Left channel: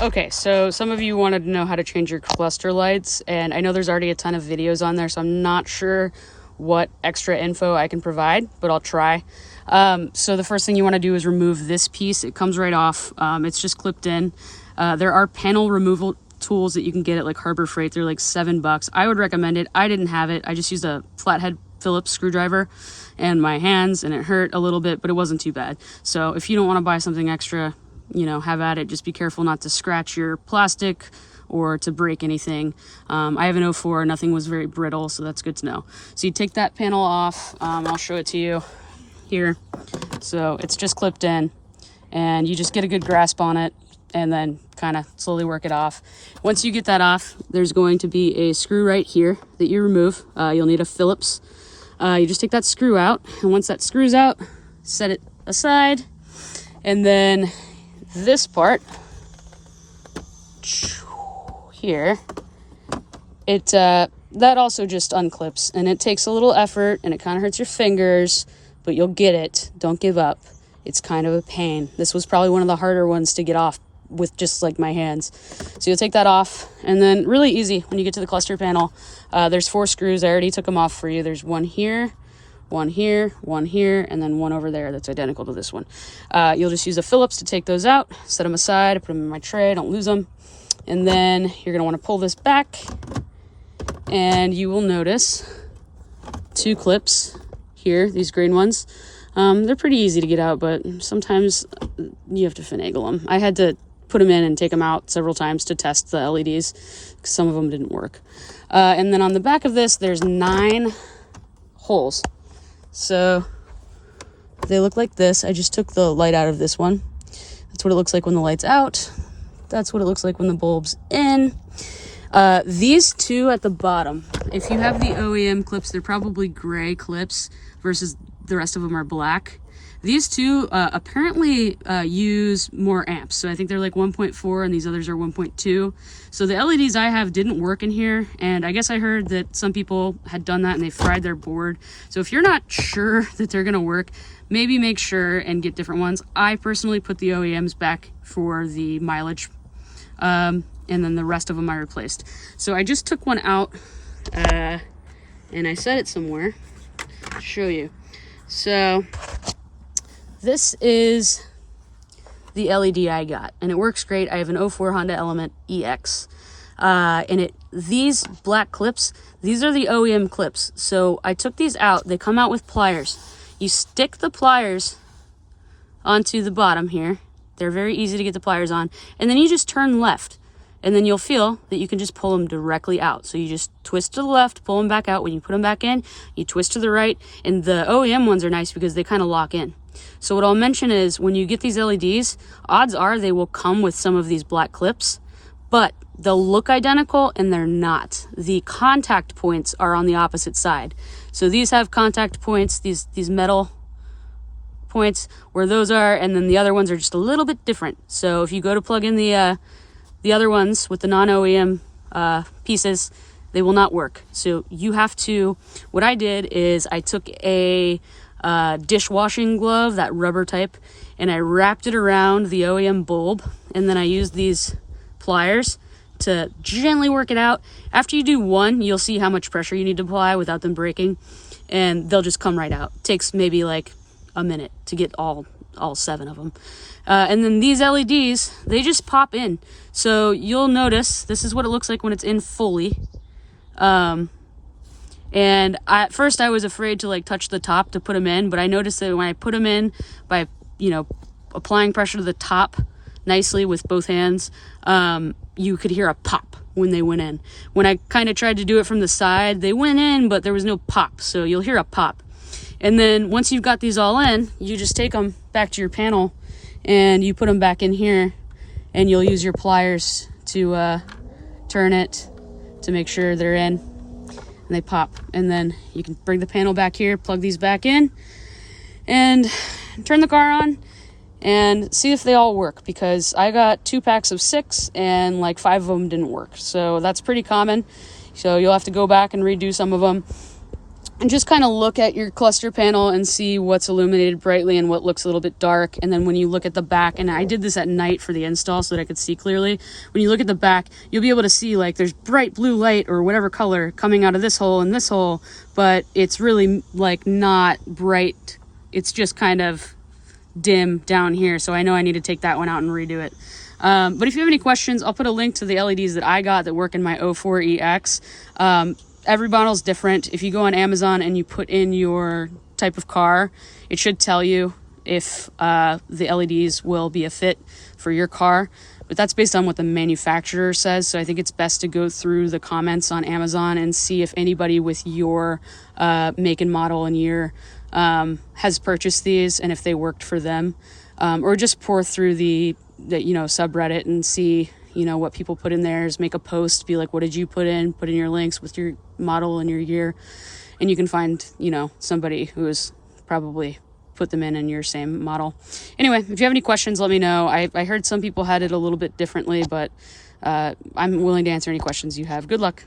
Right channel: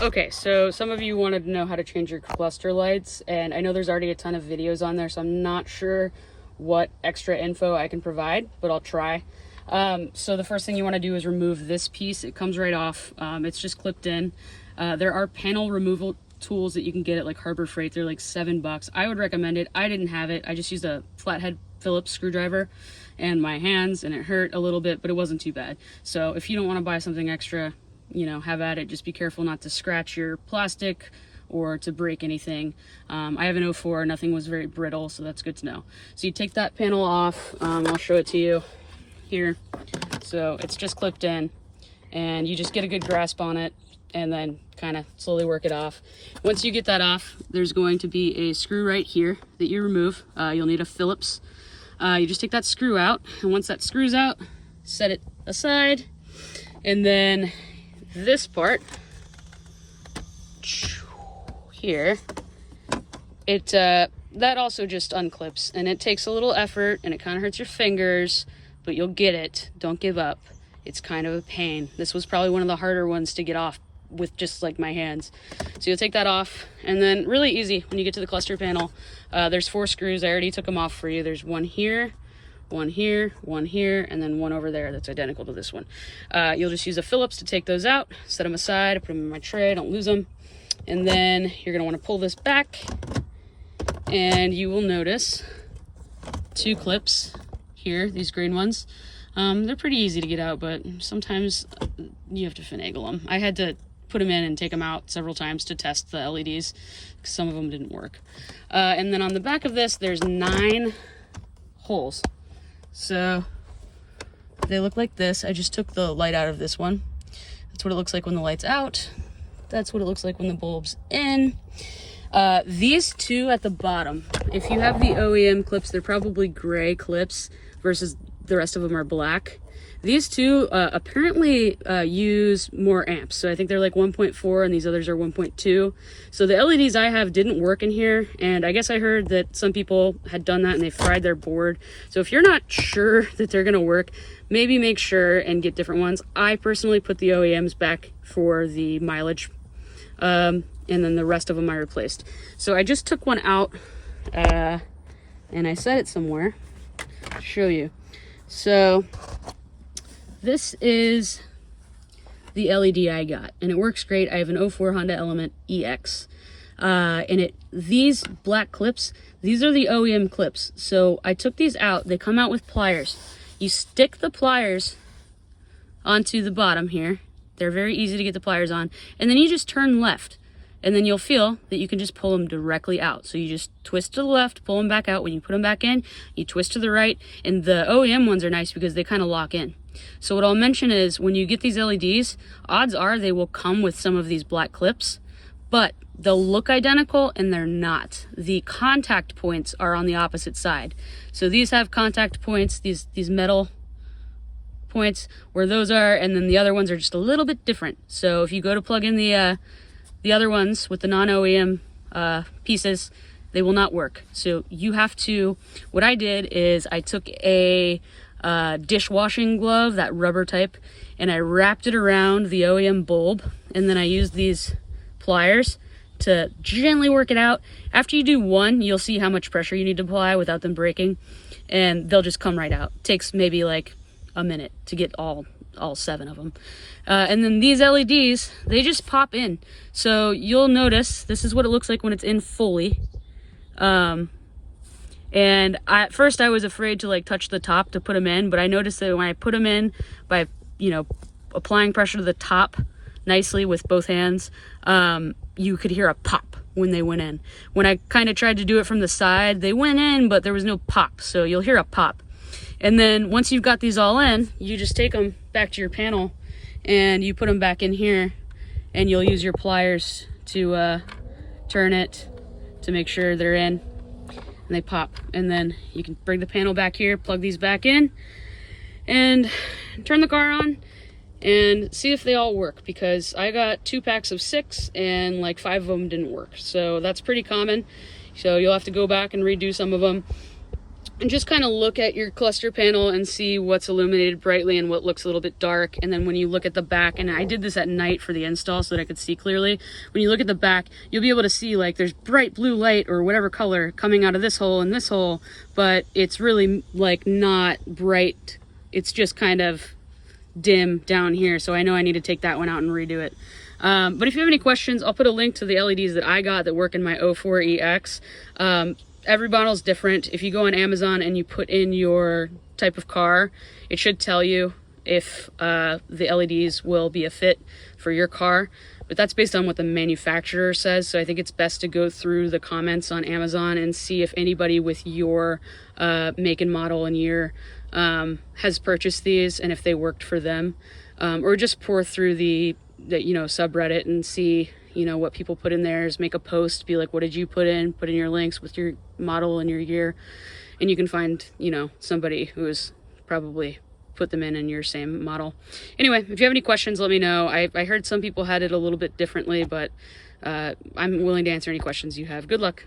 Okay, so some of you wanted to know how to change your cluster lights, and I know there's already a ton of videos on there, so I'm not sure what extra info I can provide, but I'll try. So the first thing you want to do is remove this piece. It comes right off. It's just clipped in. There are panel removal tools that you can get at like Harbor Freight. They're like $7. I would recommend it. I didn't have it. I just used a flathead Phillips screwdriver and my hands, and it hurt a little bit, but it wasn't too bad. So if you don't want to buy something extra, you know, have at it. Just be careful not to scratch your plastic or to break anything. I have an 04, nothing was very brittle, so that's good to know. So you take that panel off. I'll show it to you here. So it's just clipped in, and you just get a good grasp on it and then kind of slowly work it off. Once you get that off, there's going to be a screw right here that you remove. You'll need a Phillips. You just take that screw out, and once that screw's out, set it aside, and then this part here, that also just unclips, and it takes a little effort and it kind of hurts your fingers, but you'll get it. Don't give up. It's kind of a pain. This was probably one of the harder ones to get off with just like my hands. So you'll take that off, and then really easy when you get to the cluster panel, there's 4 screws. I already took them off for you. There's one here, one here, one here, and then one over there that's identical to this one. You'll just use a Phillips to take those out, set them aside, put them in my tray, don't lose them. And then you're gonna wanna pull this back, and you will notice 2 clips here, these green ones. They're pretty easy to get out, but sometimes you have to finagle them. I had to put them in and take them out several times to test the LEDs, because some of them didn't work. And then on the back of this, there's 9 holes. So they look like this. I just took the light out of this one. That's what it looks like when the light's out. That's what it looks like when the bulb's in. These 2 at the bottom, if you have the OEM clips, they're probably gray clips versus the rest of them are black. These 2 apparently use more amps. So I think they're like 1.4 and these others are 1.2. So the LEDs I have didn't work in here. And I guess I heard that some people had done that and they fried their board. So if you're not sure that they're gonna work, maybe make sure and get different ones. I personally put the OEMs back for the mileage. And then the rest of them I replaced. So I just took one out and I set it somewhere to show you. So this is the LED I got, and it works great. I have an 04 Honda Element EX. And these black clips, these are the OEM clips. So I took these out. They come out with pliers. You stick the pliers onto the bottom here. They're very easy to get the pliers on. And then you just turn left. And then you'll feel that you can just pull them directly out. So you just twist to the left, pull them back out. When you put them back in, you twist to the right. And the OEM ones are nice because they kind of lock in. So what I'll mention is when you get these LEDs, odds are they will come with some of these black clips, but they'll look identical and they're not. The contact points are on the opposite side. So these have contact points, these metal points where those are, and then the other ones are just a little bit different. So if you go to plug in the other ones with the non-OEM pieces, they will not work. So you have to, what I did is I took a dishwashing glove, that rubber type, and I wrapped it around the OEM bulb, and then I used these pliers to gently work it out. After you do one, you'll see how much pressure you need to apply without them breaking, and they'll just come right out. It takes maybe like a minute to get all 7 of them. And then these LEDs, they just pop in. So you'll notice this is what it looks like when it's in fully. And at first I was afraid to like touch the top to put them in, but I noticed that when I put them in by, you know, applying pressure to the top nicely with both hands, you could hear a pop when they went in. When I kind of tried to do it from the side, they went in, but there was no pop. So you'll hear a pop. And then once you've got these all in, you just take them back to your panel and you put them back in here, and you'll use your pliers to turn it to make sure they're in, and they pop. And then you can bring the panel back here, plug these back in, and turn the car on and see if they all work, because I got 2 packs of 6 and like 5 of them didn't work. So that's pretty common. So you'll have to go back and redo some of them. and just kind of look at your cluster panel and see what's illuminated brightly and what looks a little bit dark. And then when you look at the back, and I did this at night for the install so that I could see clearly, when you look at the back, you'll be able to see like there's bright blue light or whatever color coming out of this hole and this hole, but it's really like not bright. It's just kind of dim down here. So I know I need to take that one out and redo it. But if you have any questions, I'll put a link to the LEDs that I got that work in my 04EX. Every model's different. If you go on Amazon and you put in your type of car, it should tell you if the LEDs will be a fit for your car. But that's based on what the manufacturer says. So I think it's best to go through the comments on Amazon and see if anybody with your make and model and year has purchased these and if they worked for them. Or just pour through the subreddit and see what people put in there. Is make a post, be like, what did you put in your links with your model and your year, and you can find somebody who has probably put them in your same model. Anyway, if you have any questions, let me know. I heard some people had it a little bit differently, but I'm willing to answer any questions you have. Good luck.